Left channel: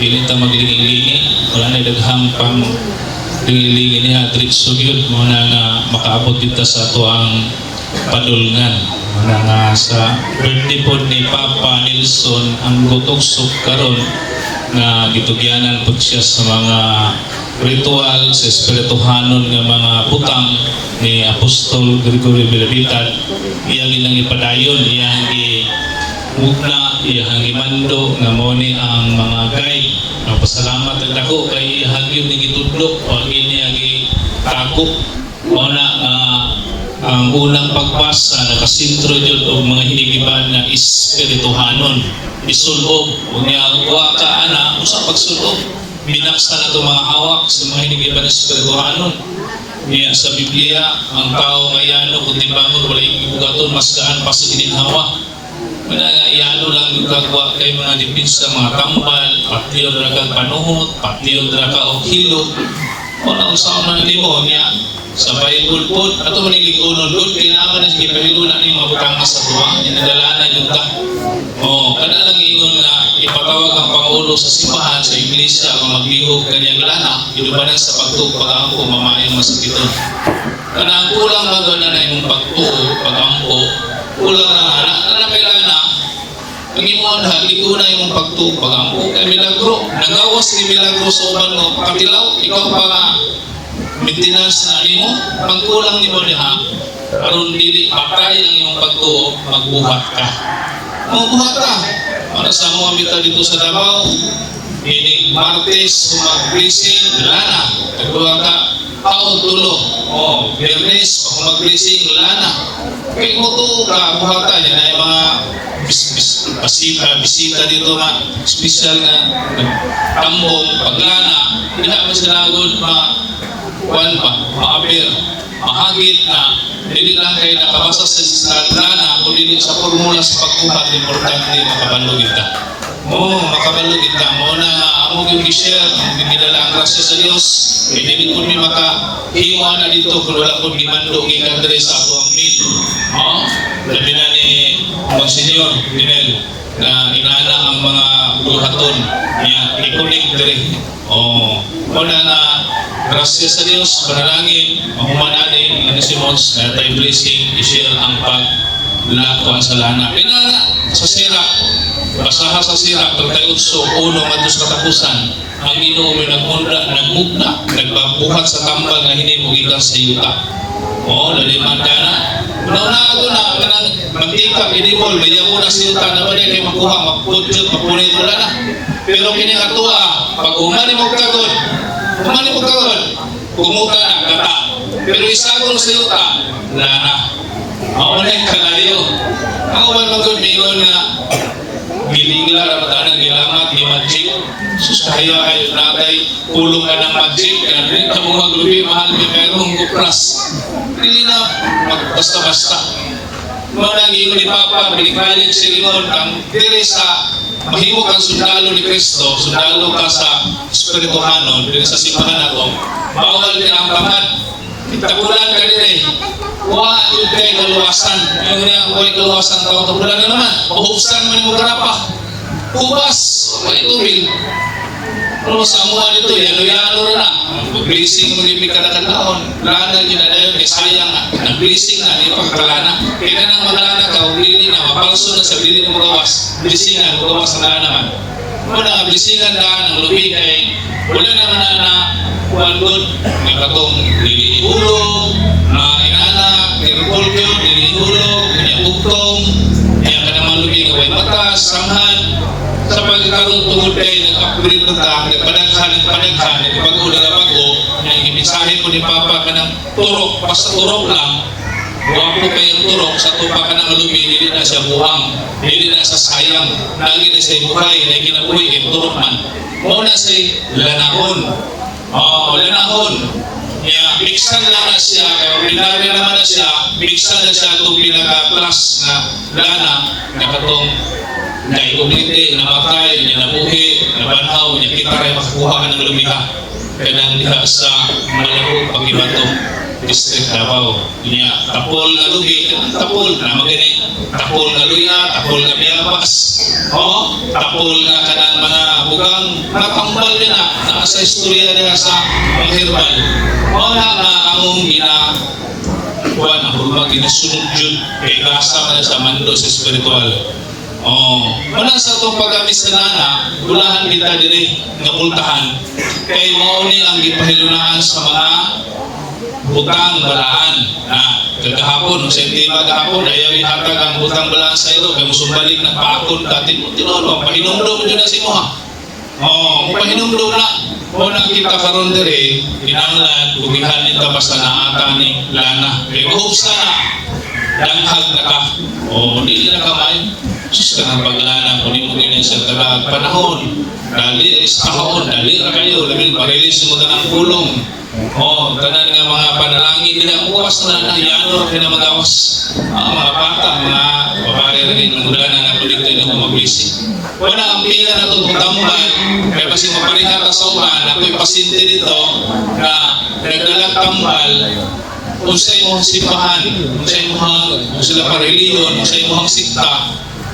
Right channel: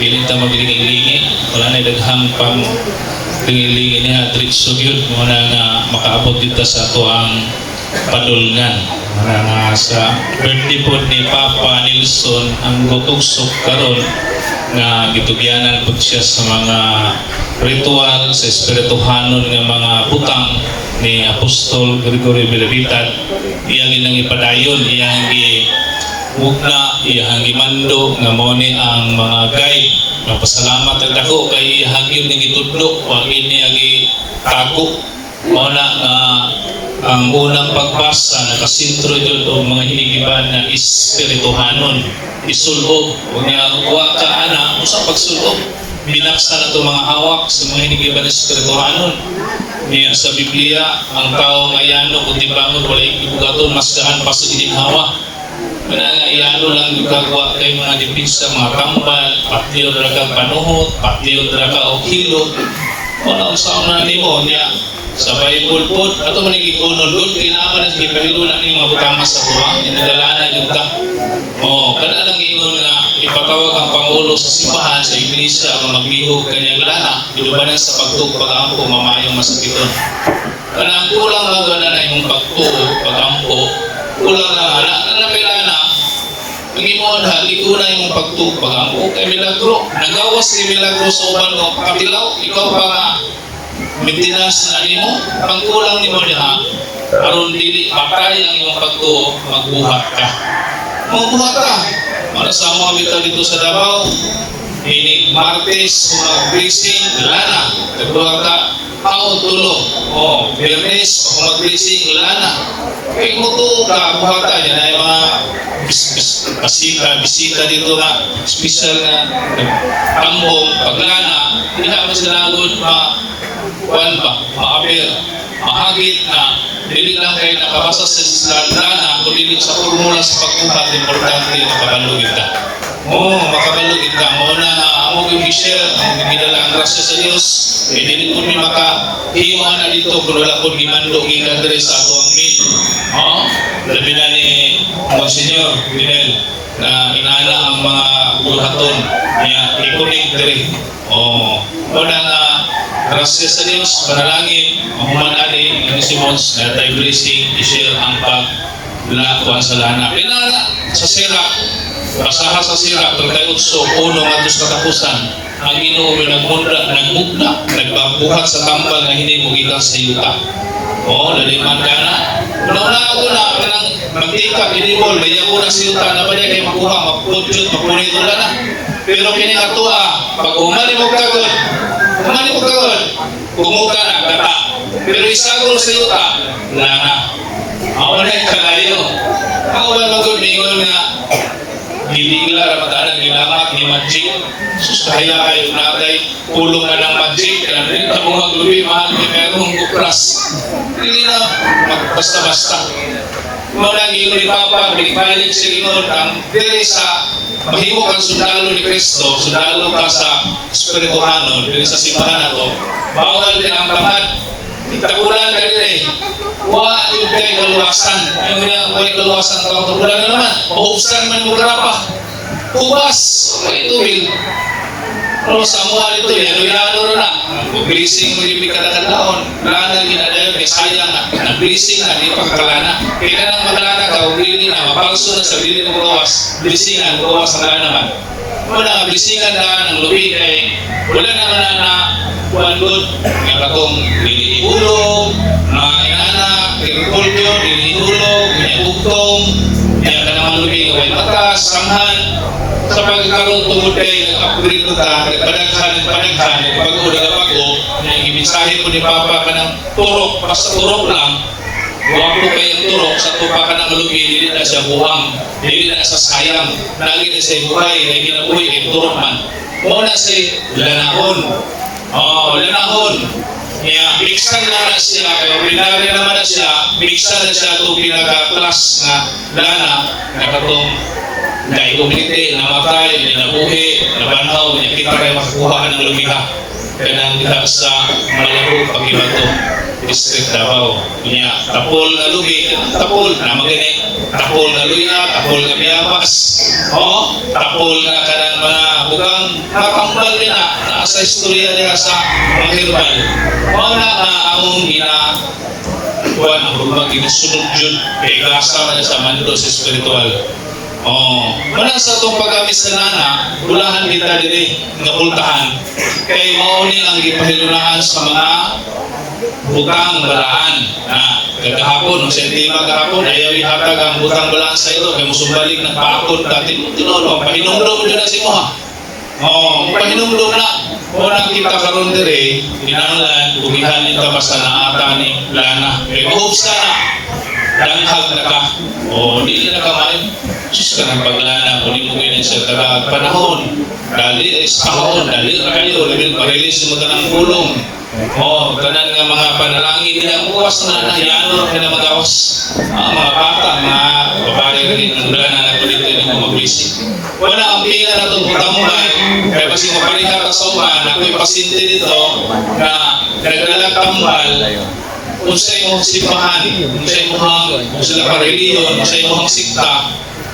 Pilit na magilingi-lingi, wala na daghang pang lingi-lingi niya, diretso yun, muna nga makaabot dito sa ito ang padulngan. Muna nga sa birthday po ni Papa Nilson, ang gutugsok karon nga gitugyanan po siya sa mga ritual, sa espirituhanon nga mga butang ni Apostol Gregorio Bilabitad. Iyang ginang ipadayon, iyang mugna, iyang imando nga mo ni ang mga guide. Pasalamat ang dako kay iyang yung nagitudlok wag ini agi tako mo na ang unang pagbasa nakasintro jud og mga hinigiban na espirituhanon isulog unya wa ka ana usa pagsulog binaksa na to mga hawak sa mga hinigiban na espirituhanon niya sa Biblia ang tao ngayano kung tibangon wala ibugaton mas daan pa sa ginhawa. Kaya nga ilano lang yung gagawa kay mga dipinsa, mga tambal, patiyo na kang panuhot, patiyo na ka o kilo. Wala ang saon na mo niya. Sa Bible po, ito maniging unod doon, kailangan na sige, pero lang yung mga butanga sa tuwang, inadalanan yung ka. Kada lang ingon na ipatawag ang Pangulo sa simbahan, sa iglesia, ang magbihog kanyang lana, ilubanan sa pagtug, pag-ampo, mamayang masakiton. Kada ang kulang mga gana na yung pagtug, pag-ampo, kulang na Panginoon, hali ko na yung pagtug, pag-ampo kay Milagro. Nagawas ni Milagro sa uban mo, kapilaw, ikaw pa maintenance na mo, pagkulang ni mo niya, aron dili, patay ang iyong pagtug, magbuhat ka. Magbuhat ka. Para sa mga mita dito sa Davao, ini Martes, mag-blessing, wala na. Nagbuhat ka, tulog. Biyernes, mag-blessing, wala na. Kaya mo ito, buhatan, yan ay mga bisita dito na special na tambong, paglana, hindi naman sila doon ma-appear, mahagit na hindi lang kayo nakabasa sa lana, kundi sa formula sa pagbuhat, importante na makabalog kita. Makabalog kita. Muna ang yung i-share, ang binidala ang grasya sa Diyos, hindi ko ni makahiwa na dito, kung wala ko dimando, ginagdre sa ako ang meet. Labi na ni Monsignor Pinel na inaala ang mga bulaton na ikunig dere. Muna nga grasya sa Diyos, panalangin, mahumanali, ang Simons, na tayo blessing, i-share ang paglakuan sa lana. Pinala sa sira, basaha sa sira, 38:1 matos katapusan, ang Ginoo nagmugna, nagbabuhat sa tambal na hinimugita sa yuta. Laliman ka na. Una ako na, kanang mantika, inibol, ganyan mo na sa yuta, na ba niya kayo makuha, magpudyot, mapunit mo na. Pero pinikatua, pag umali mo kagod, kumuka na, gata. Pero isagol sa yuta, lana. Ako na yung kalayo. Ako ba mag-umingon na ginigla, ramadaan ang ginamak ni Majid. Sus, kahila kayo natay, pulong ka ng Majid. Kaya rin ka mga grupi, mahal ni merong kupras. Hindi na, basta-basta. Muna ang ni Papa, balik sa ingon, ang dili sa mahimo kang sundalo ni Cristo, sundalo ka sa espirituhanon, dili sa simbahan na to, bawal din ang pangad. Itagulan ka din yung kay kaluwasan. Yung kay kaluwasan ka, tagulan na naman. Mahubsan man mo karapa. Hubas, may tubig. Pero sa mga nito, yano na. Blessing mo yung kadang-kadang. Lana ginadayon, may sayang na. Nag-blessing na, hindi pagkalana. Kaya nang maglana ka, ulili na, mapalso na sa bili mo gawas. Blessingan, gawas na naman. Wala, blessingan na ang lubi kay wala naman na kuandod ng katong nilihulog, mga inanak, nilihulog, nilihugtong, kaya ka naman lubi ng batas, samhan, sa pagkakaroon tungod kayo, nag-upgrade ng tahan, nagpadaghan, pag-udaga-bago, yung imisahe ko ni Papa ka ng turok, basta turok lang, buwang ko kayong turok, sa tupa ka ng lubi, hindi na siya buhang, hindi na sa sayang, naging na siya buhay, na ginabuhay, ay turok man. Muna si lanahon. Lanahon. Biksan na siya, kaya ordinary naman na siya, biksan na siya itong pinaka-plus na lana, na katong naikumite, namatay, nabuhi, nabanhaw, kita kayo makakuha ng lumiha. Kaya nang kita sa Malabo, Pag-Ibato, District Davao. Tapol na lugi, tapol na magaling. tapol na luya, tapol na biyabas, tapol na kanang mga bugang matambal na sa istorya niya sa mga herbal. Wala na akong kuan ang rumag ginasunod yun kay gasa na sa mando sa espiritual. Wala sa itong paggamit sa nana, ulahan kita diri nga pultahan kay mauni ang gipahilulaan sa mga butang balaan. Kagahapon, masentima gahapon, ayaw ihatag ang butang balaan sa ito kay musumbalik ng paakon dati. Tinulo, pahinumdum dyan na si mo ha. Pahinumdum na. Kung kita karon diri, kinahanglan bugihan nito basta naata ni lana. Kay mahubs na danghag na ka. Hindi na kamay. Sus ka ng paglana, kunin siya taga panahon. Dali, kahon, dali kayo. Lamin, pag-release mo ng kulong. Ganan nga mga panalangin nila. Bukas na yano na magawas. Mga bata, mga babae rin. Ang ulan na dito yung mga bisik. Wala ang pila na itong tambay. Kaya kasi mapalitan ka sa uman, ako'y pasinti dito na nagdalang tambal kung sa imong sipahan, kung sa imong sila pareliyon, kung sa imong sikta.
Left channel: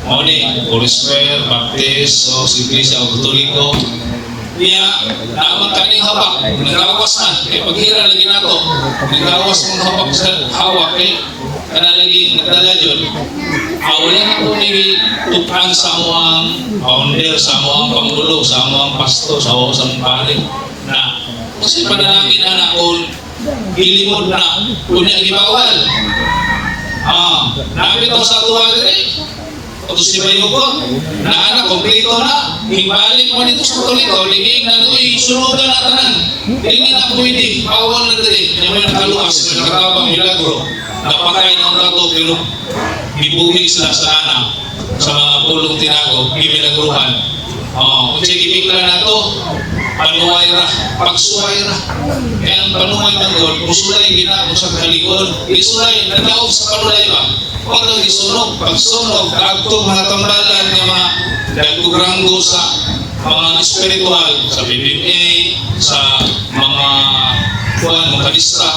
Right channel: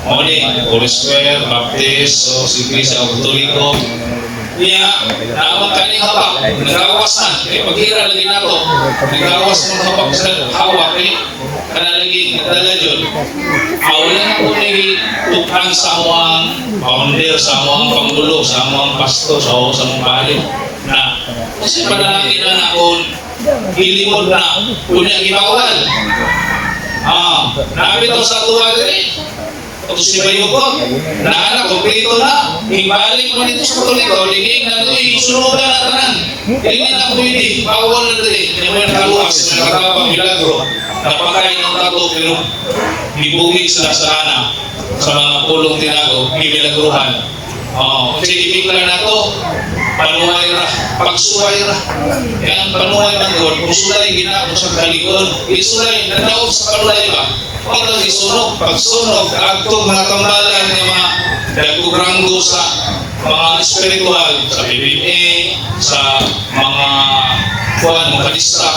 Holy Square, Baptist, o Sigrisa, o Katoliko. Niya, naamang kanyang hawak, nagawas na. Kaya paghira lagi na ito, nagawas mong hawak sa hawak, kanalaging nagdala yun. Wala na po ni tukang sa among founder, sa among panggulo, sa among pasto, sa among pari. Na, kasi panalangin na kung gilimod na, kung niya gibawal. Nabito sa tuwa rin. Kung si Bayukot, na kompleto na, ibalik mo dito sa Katoliko, hindi na ito, isunugan na tanan. Hindi na pwede, bawal na rin. Yung may nakaluwas, may nakarabang milagro, napakain ng tato, pero ibumig sila sa anak, sa mga pulong tinago, gimilagruhan. Kasi ibigla na ito, panuhay ra, pagsuhay ra. Kaya ang panuhay man doon, kung sulay ginagawa sa kalikod, isulay, nadaog sa panuhay ba? Ito isunog, pagsunog, agtong mga tambalan ng mga nagtugranggo sa mga spiritual, sa BBA, sa mga mga kalista.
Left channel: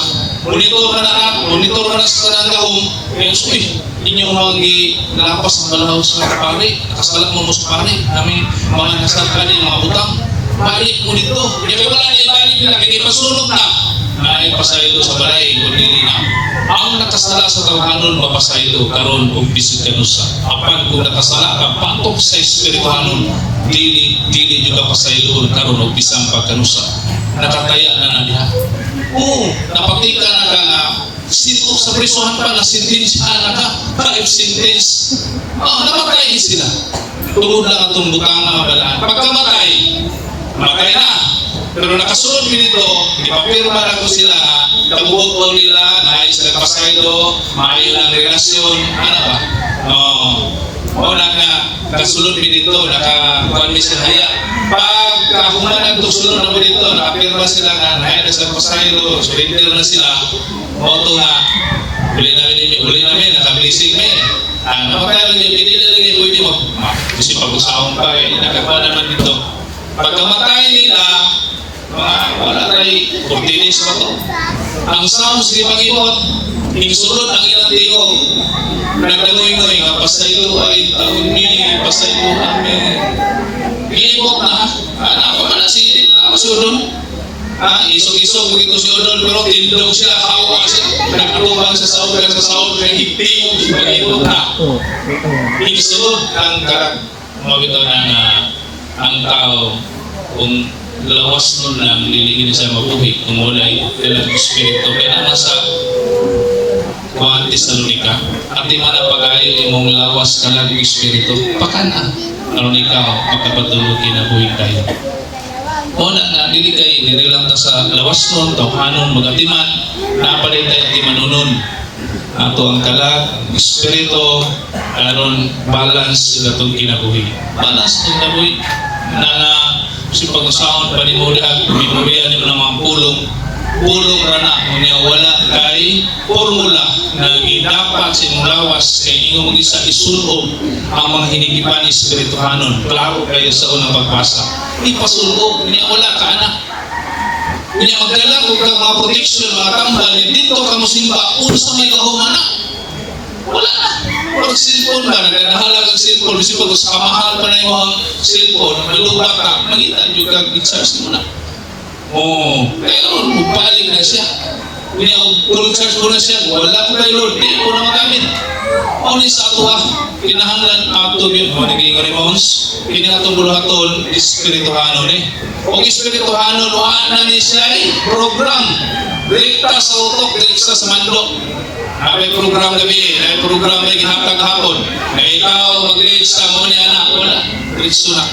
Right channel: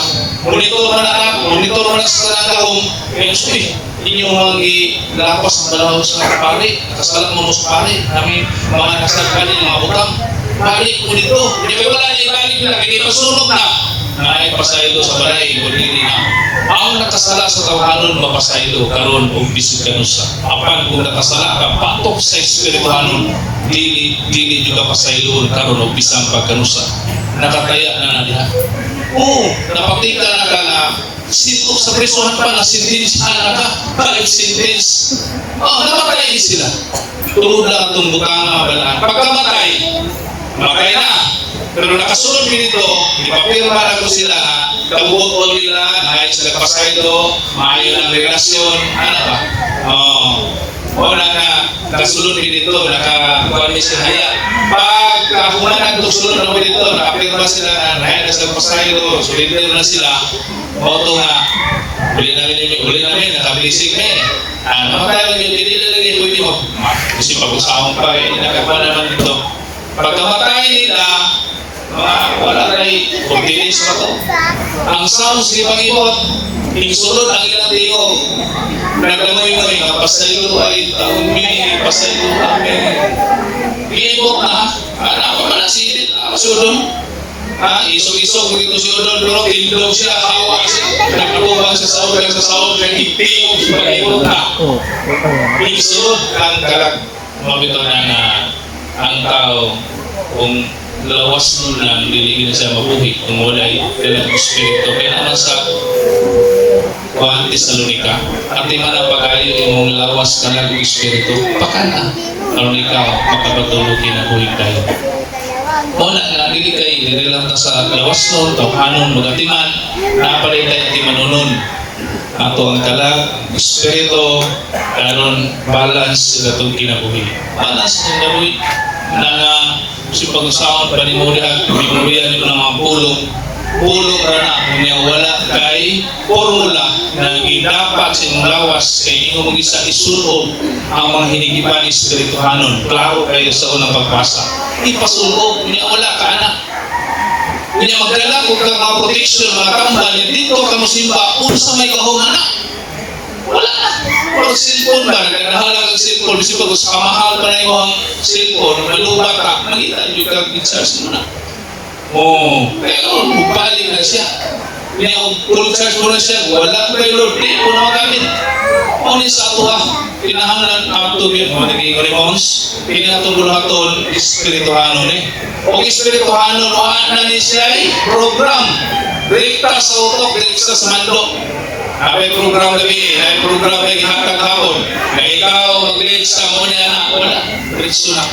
Monitor na sa kanangahong, kaya inyo mga lapas ng balaw sa pari, kasalat mo sa pari, namin mga nasalkali, mga utang. Balik mo dito, hindi ko wala ibalik na, hindi pasunog na. Naay pasaylo sa balay, kundi na. Ang nakasala sa tawanon, mapasaylo, karon o bisig kanusa. Apan kung nakasala ka, patok sa espirituanon, dili juga pasaylo, karon o bisang pagkanusa. Nakataya na diha. Napatika na ka na, sito sa prisuhan pa na sentensyahan na ka, 5 sentence. Namatay sila. Tulad lang itong butanga balaan. Pagkamatay, matay na. Pero nakasunod dito, ipapirma na ko sila, kabuot ko nila, maayos sila kapasaydo, maayos lang relasyon, ano ba? Wala na, nakasunod dito, nakakuha sila haya. Pag humanag itong sunod na dito, nakapirma sila na maayos sila kapasaydo, surrender na sila, ito nga, uli namin, nakabisig na namatay lang yung hindi na lang yung pwede mo. Kasi pag-usahong pa, nakapa naman dito. Pagkamatay nila, wala rin continuous na ito. Ang sounds di mag-ibot, insulod ang ilang tingog. Nagdamay-may, pasaylo ay taon may, pasaylo namin. Iibot na, ako na silit, ako si Udon. Isog-isog dito si Udon, pero tindog siya, kawa siya. Nagluhan sa sahod, nag-ipiyog, mag-ibot na. Insulod ang karag. Mabito na ang tao, kung lawas nun lang, liligin siya mabuhi kung wala'y dalang espiritu. Kaya naman sa Juan Tesalonica, at di man ang pag-alit mong lawas ka lang espiritu, pakana. Kalau ikaw, makapatulog kinabuhi tayo. Muna nga, hindi kayo, hindi lang sa lawas nun, tawhanon, magatiman, napalit tayo di manunon. Ato ang kalag, espiritu, karon balance sila itong kinabuhi. Balance itong kinabuhi na si pag-usahon pa ni Muriag, binurihan nito ng mga pulong na kung wala kay formula na dapat sa inyong lawas kay inyong mag-isa isunog ang mga hinigipan ni espirituhanon. Klaro kayo sa unang pagbasa. Ipasunog, niya wala ka anak. Niya magdala kung ka mga protection, mga kambal, dito ka musimba, kung sa may kahong anak. Wala na. Pag cellphone ba, nagkanahalag ang cellphone, kasi pag sa kamahal pa na yung cellphone, malubat ka, malitan yung kag-charge mo na. Pero bubalik na siya. Kung charge mo na siya, wala ko kayo Lord, di ko na magamit. Ni sa ato pinahanglan ato yun, naging remons, pinatubulaton, espirituhanon O espirituhanon, wala na ni siya program. Rekta sa utok, rekta sa mandok. May program gabi, may program ay hatag hapon. Na ikaw mag-rekta mo niya na, wala. Rekta na.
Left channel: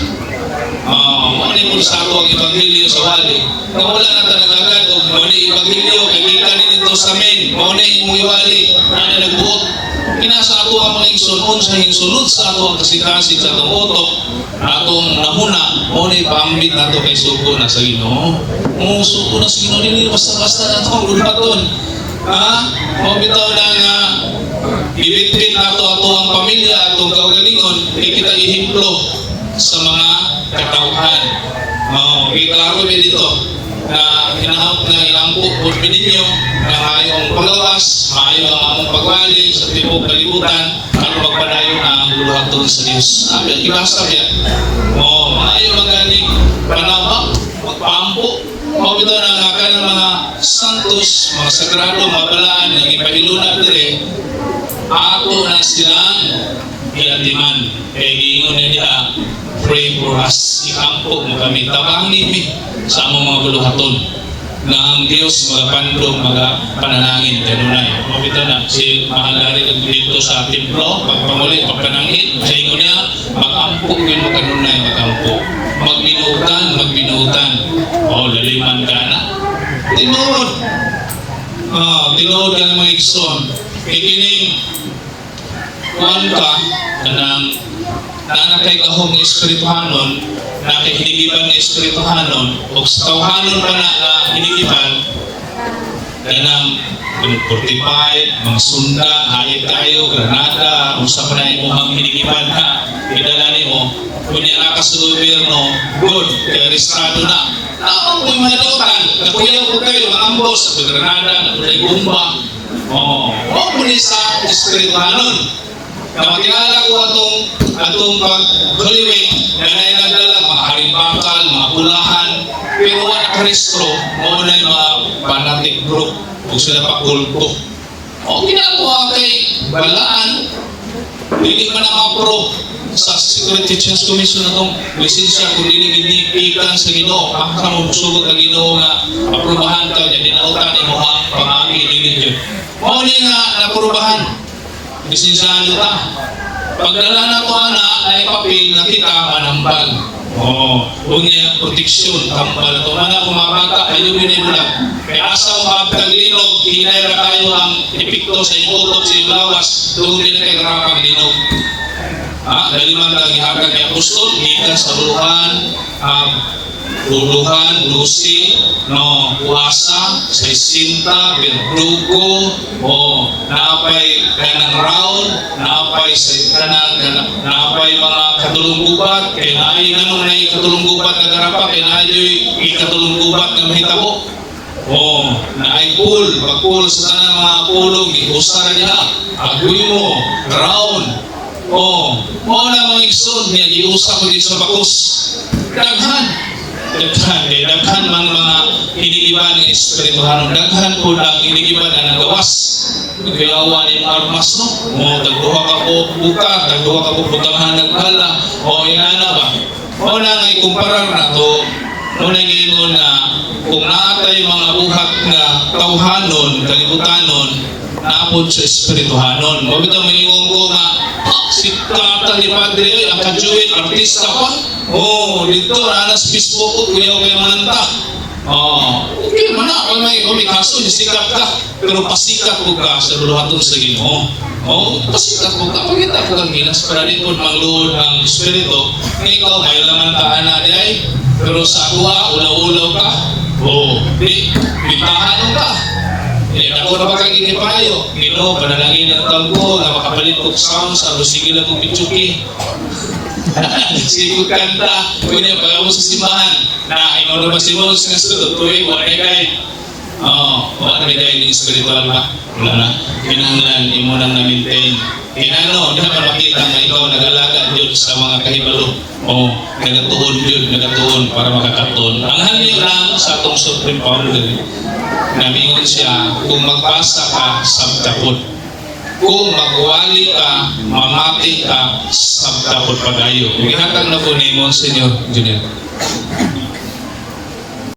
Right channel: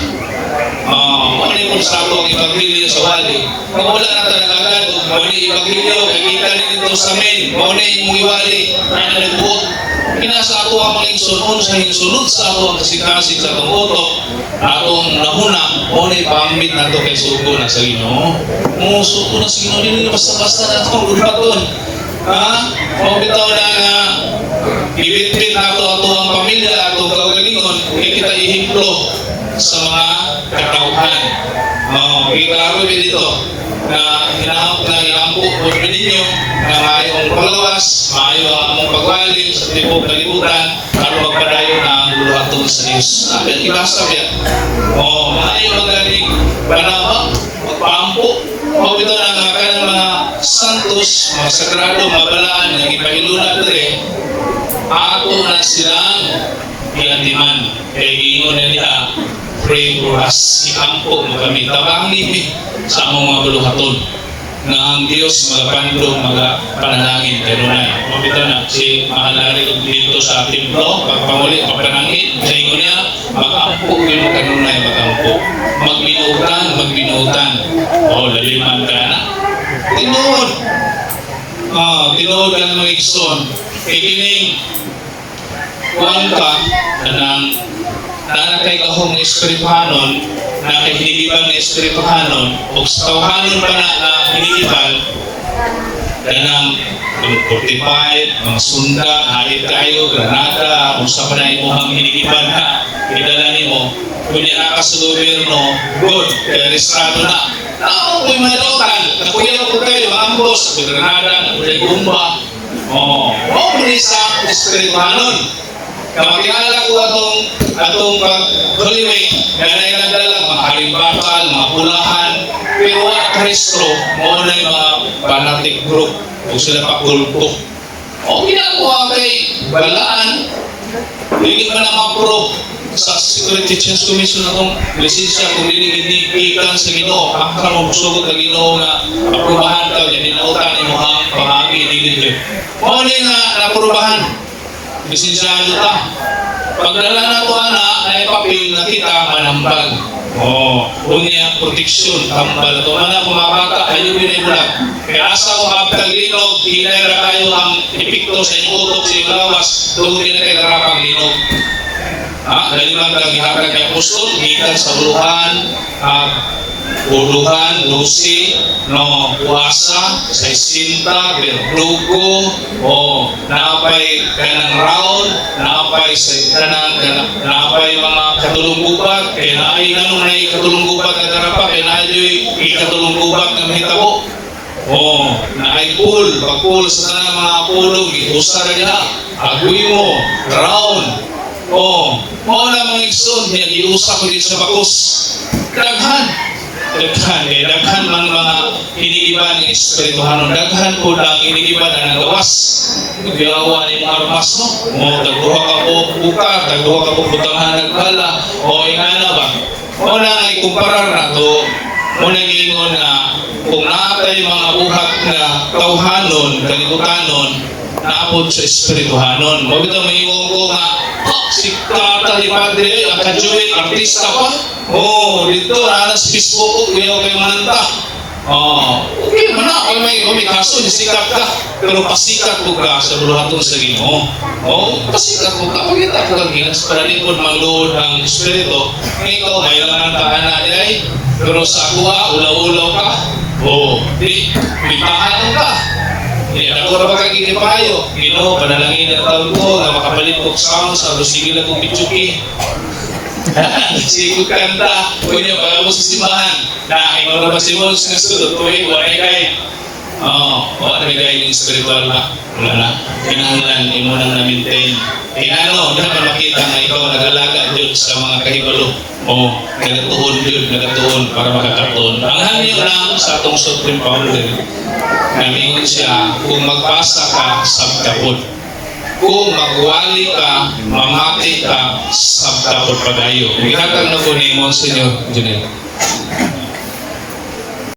Mali mo sa ako ang ibagrilyo sa wali. Kung wala na talaga agad, kung mali ibagrilyo, kagita rin ito sa amin. Mali yung iwali, na nagbuot. Pinasa ako ang mga ingsunod sa ingsunod sa ako ang kasikasin sa itong utok. Atong nahuna, mali pambit na ito kay suko na sa Ginoo. Suko na sa Ginoo, hindi basta-basta na ito ang gulbaton. Bitaw na nga, ibitbit na ito ang pamilya, atong kaugalingon, kita ihiplo sa mga katauhan. Iklaro yun dito na hinahap na ilampo po ninyo na mayroong paglawas, mayroong among pagwaling sa tipong kalibutan, ano magpadayo na ang luluhatong sa Diyos. Ibasa yan. Mayroong magaling panama, magpampo, ito na nga ka ng mga santos, mga sagrado, mabalaan, na ipahiluna rin, ako na silang gilandiman, kaya giingon na nila, pray for us, ikampo mo kami, tabangin mi sa among mga luluhaton na ang Diyos magapandog, magapananangin kanunay. Mabito na si Mahalari dito sa templo, pagpamuli, pagpanangin, sa inyo niya, mag-ampo yun mo kanunay, mag-ampo. Magbinutan. Laliman ka na. Tinood. Tinood ka na mga ikson. Kikining, kuhan ka, na kay kahong espirituhanon, na kay hinigiban na espirituhanon, o sa tawhanon pa na hinigiban, ganang 45, mga sunda, halit tayo, Granada, usa pa na imuhang hinigiban ha, idalani mo, kung yan ka sa gobyerno, good, kaya restrado na. Kung malutan, nakuyaw ko kayo, maambos, sa Granada, sa Gumba, muli sa espirituhanon. Kamakilala ko atong pag-Holy na nainagdala, mga harimbakal, mga pulahan, pero wala Kristo, mo na yung mga fanatic group, kung sila pakulto. Ginagawa kay balaan, hindi man na-approve sa Security Church Commission na itong lisensya kung hindi ikan sa Ginoo, akra mo musugot na Ginoo nga aprubahan ka, yan inautan mo ang pamangin, hindi. Nga naprubahan, lisensyahan kita. Pagdala na ito ay papel na kita manambal. Kung niya proteksyon, tambal ito. Mana kung mga bata, ayun yun yung vlog. Kaya asa ko magtaglinog, hinayra kayo ang epikto sa inutok sa iyong lawas, doon din na kayo karapang linog. Daliman kang ihagag ng apostol, gikan sa uluhan, lusi, puasa, sa isinta, berdugo, naapay kanang round, naapay sa naapay mga katulong gubat, kaya naay nanong na ikatulong gubat na karapa, kaya naay ikatulong gubat na mahitabo. Naay pool, pag-pool sa mga pulong, iusara niya, agoy mo, round, na mga ikson, iusa ko dito sa bakus. Daghan man mga inigiban ng espirituhanon, daghan po lang inigiban na nagawas. Gilawa ni armas dagduha ka po buka, dagduha ka po butangan nagbala, inana ba? Na ikumparar na to, nangingon na kung naatay mga buhat na tawhanon, kalibutanon, naapod sa espirituhanon. Mabito mangingon ko nga, si Tata ni Padre, ang kajuin, artista pa. Dito, sa Facebook ko, kuya kayo mananta. Okay naman na, kung may kaso, sikat ka. Pero pasikat ko ka sa luluhatong sa Ginoo. Pasikat ko ka. Pagkita ko lang ginas, para dito magluhod ang Espiritu. Ngayon, may laman taan na nilay. Pero sa kuha, ulaw-ulaw ka. May tahanon ka. Ako na pagkakinipayo, Ginoo, panalangin ang taon ko na makapalit ko sa sige lang kong pitsuki. Sige ko kanta, kung niya pag mo sa simbahan, na ikaw na ba si Mons nga student, tuwing walay kay Wala na guiding spiritual ba? Wala na. Kinahanglan, imo nang na-maintain. Kinano, hindi ka makita na ikaw nag-alaga dyan sa mga kahibalo. Nagatuhon para makakatuhon. Ang hali lang sa atong Supreme Founder, namingon siya, kung magbasa ka, sabdapod. Kung magwali ka, mamati ka, sabdapod pagayo. Ihatag na po ni Monsignor Junel.